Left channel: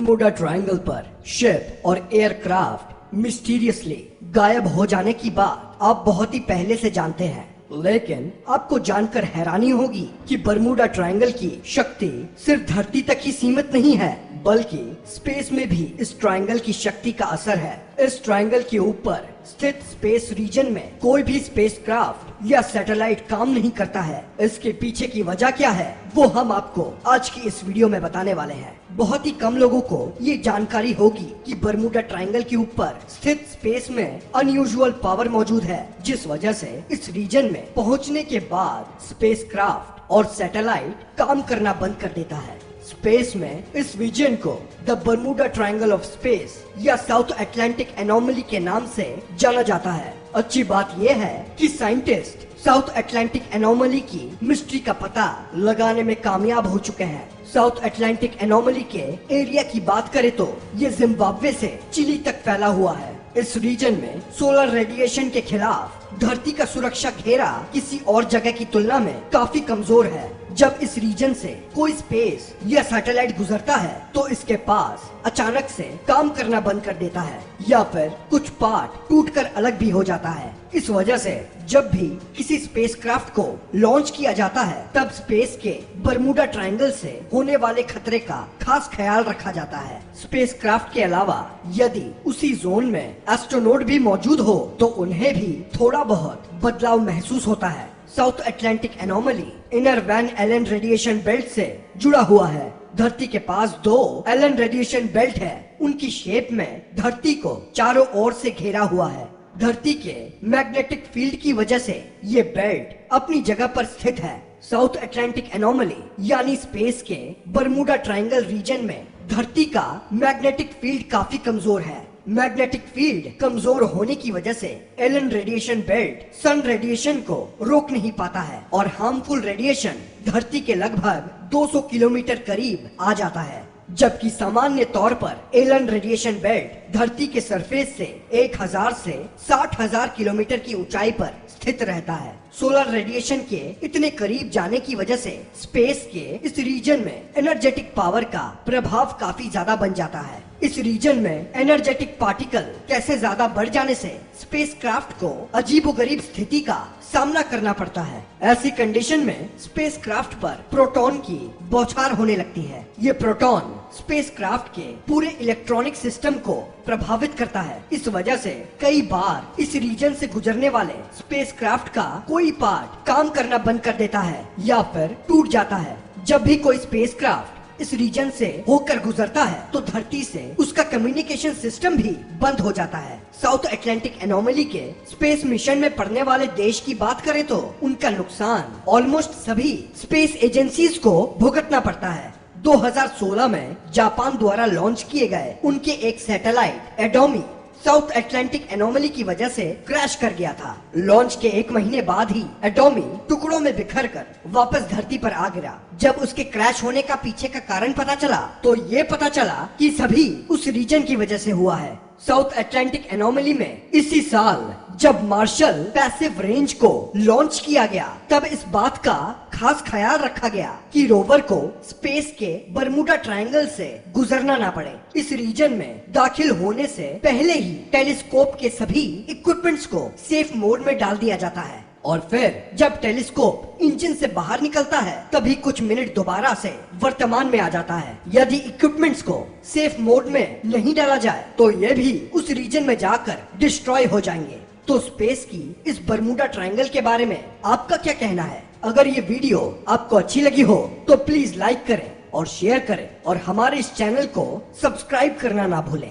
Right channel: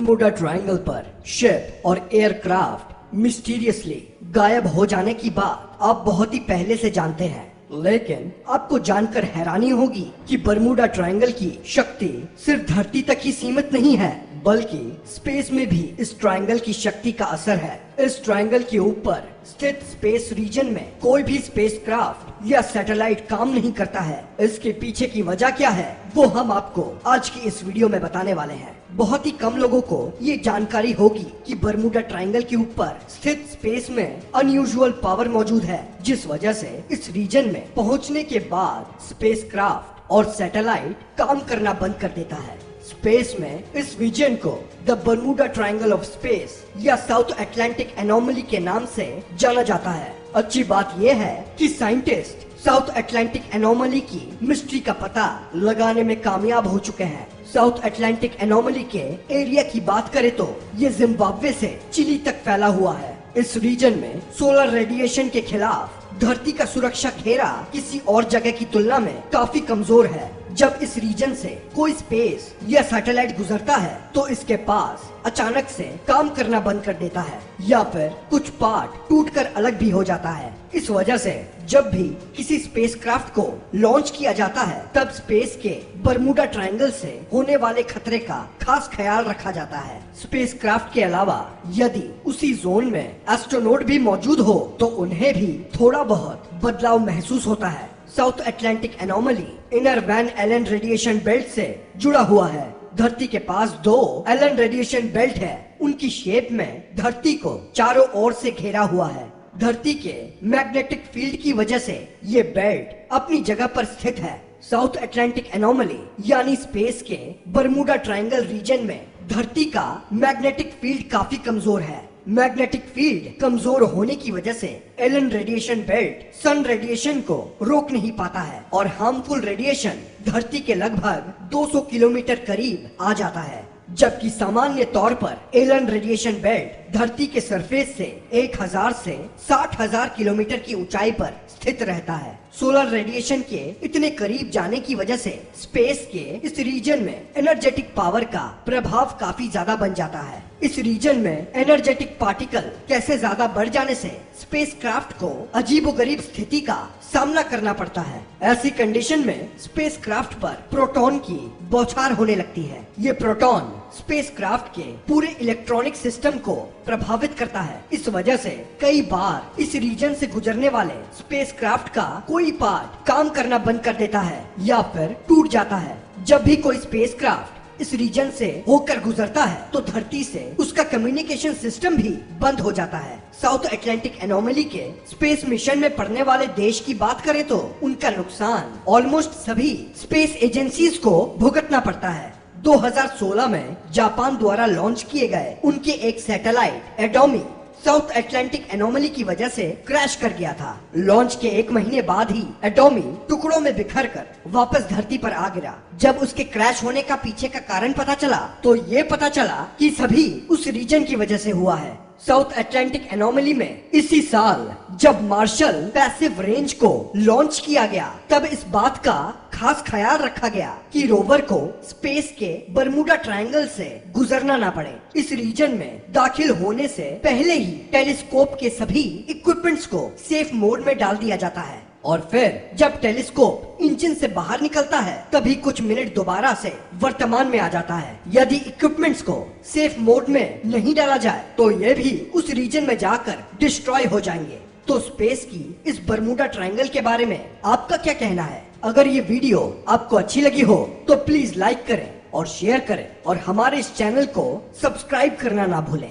Bermuda triangle पर ship और aircraft mysteriously गायब हो जाने की बात आप बहुत ही पहले से जानते हैं, लेकिन आपको जानकर हैरानी होगी कि बर्मुडा ट्रायंगल की शक्ति सिर्फ धरती तक ही सीमित नहीं है, बल्कि स्पेस में भी इस ट्रायंगल की शक्ति का असर है। इस ट्रायंगल के ऊपर स्थित स्पेस रीजन में कोई भी स्पेसक्राफ्ट या सैटेलाइट काम नहीं करता है। इसके पीछे की वजह क्या है वो हम आपको आज की इस वीडियो में बताने वाले हैं। बहुत ही कम लोगों को ये जानकारी होगी कि बर्मुडा ट्रायंगल के ऊपर स्थित स्पेस में अनयूजुअल पावर मौजूद है, जिस वजह से इस रीजन में पहुंचने के बाद स्पेसक्राफ्ट और सैटेलाइट काम करना बंद कर देता है। स्पेस में इस रीजन को the Bermuda triangle of space या साउथ अटलांटिक एनोमली के नाम से जाना जाता है। अच्छी बात यह है कि साइंटिस्ट साउथ अटलांटिक एनोमली की मिस्ट्री का पता लगाने में कामयाब हो चुके हैं। साउथ अटलांटिक एनोमली के एरिया की बात करें तो ये जिम्बाब्वे से चिली तक फैला हुआ है। इस रीजन में सोलर रेडिएशन के खिलाफ धरती का सुरक्षा घेरा किसी और जगह की तुलना में काफी कमजोर है। जब इस रीजन से कोई स्पेस या सैटेलाइट गुजरता है तो इसके पास अचानक से काम करना बंद कर देता है या फिर कुछ पार्ट टूटकर अलग भी हो जाता है। इस वजह से जब भी किसी स्पेसक्राफ्ट को लॉन्च किया जाता है तब स्पेस के बर्मुडा ट्रायंगल से होने वाले खतरे का खास ख्याल रखा जाता है। स्पेसक्राफ्ट के अलावा यदि उसी जोन में एस्ट्रोनॉट भी मौजूद हो तो उन्हें भी थोड़ा बहुत बदलाव महसूस होता है। South Atlantic anomaly inner Van Allen radiation belt से जुड़ा हुआ है। धरती के पास दो एलन रेडिएशन बेल्ट है। उनकी शेप में धरती को चारों ओर से घेरा हुआ है। धरती के मैग्नेटिक फील्ड की वजह से ये बेल्ट अपनी जगह पर स्थित है। साउथ अटलांटिक एनोमली यानी स्पेस के बर्मुडा ट्रायंगल रीजन में धरती का मैग्नेटिक फील्ड काफी कमजोर है। मैग्नेटिक फील्ड कमजोर होने की वजह से Allen radiation belt sun radiation को रोक नहीं पाता है और हार्मफुल रेडिएशन धरती के लगभग 200 किलोमीटर करीब आ जाता है, जबकि सामान्य तौर पर एलन रेडिएशन बेल्ट धरती के सरफेस से 1000 से 60,000 किलोमीटर की ऊंचाई पर स्थित रहता है। सोलर रेडिएशन के इतने करीब जाने की वजह से स्पेस के इस रीजन में एनर्जेटिक पावर का प्रभाव काफी ज्यादा बन जाता है। इस रीजन में एनर्जेटिक पार्टिकल कैसे ज्यादा बढ़ जाने से स्पेसक्राफ्ट को अजीबोगरीब स्थिति का सामना करना पड़ता है। ऐसी कंडीशन में स्पेसक्राफ्ट पर प्रोटॉन की बौछार होने लगती है। ये प्रोटॉन स्पेसक्राफ्ट के पूरे इलेक्ट्रॉनिक सिस्टम को प्रभावित करता है। इस वजह से कई बार इस रीजन से गुजरने वाले स्पेसक्राफ्ट का कोई पार्ट काम करना बंद कर देता है या फिर टूट जाता है। जब भी कोई स्पेसक्राफ्ट इस रीजन से होकर गुजरता है तो धरती से उसका कम्युनिकेशन सिस्टम भी बंद हो जाता है। साउथ अटलांटिक एनोमली के स्पेस मिशन में पड़ने वाले देश की बात करें तो उनका नुकसान ऑलमोस्ट सभी स्पेस एजेंसीज को भुगतना पड़ता है। 2016 में जापान द्वारा लॉन्च किए गए उनके एक सैटेलाइट एडोमी साउथ अटलांटिक एनोमली की वजह से क्रैश कर गया था। लॉन्च के 1 महीने बाद ही एडोमी टुकड़ों में बिखरकर वापस धरती पर आ गिरा। जब उसके क्रैश होने का पीछे का कारण पता चला तो ये पता चला कि सभी उस रीजन की वजह से हुआ है। साउथ अटलांटिक एनोमली में इसी साल जब मार्शल पैसिव रेंज को लॉन्च किया गया तब इस बात का खास ख्याल रखा गया कि रोवर को स्पेस के बर्मुडा ट्रायंगल से गुजरना ना पड़े। इस रीजन में दाखिल होने से पहले ही टेलीस्कोप के सभी इक्विपमेंट्स को सेफ मोड में डाल दिया जाता है और फिर जब टेलीस्कोप इंजन से बाहर निकलता है तभी कुछ मिनट दोबारा से वर्तमान में आ जाता है। यदि इक्विपमेंट्स को सेफ मोड में नहीं डाला जाए तो ये भी उस रीजन में जाकर डिस्ट्रॉय हो जाएंगे। तो स्पेस की इस बर्मुडा ट्रायंगल के बारे में आपका क्या कहना है? अगर ये वीडियो आपको अच्छी लगी हो तो प्लीज लाइक करें और शेयर करें और हमारे इस चैनल को सब्सक्राइब करना ना भूलें।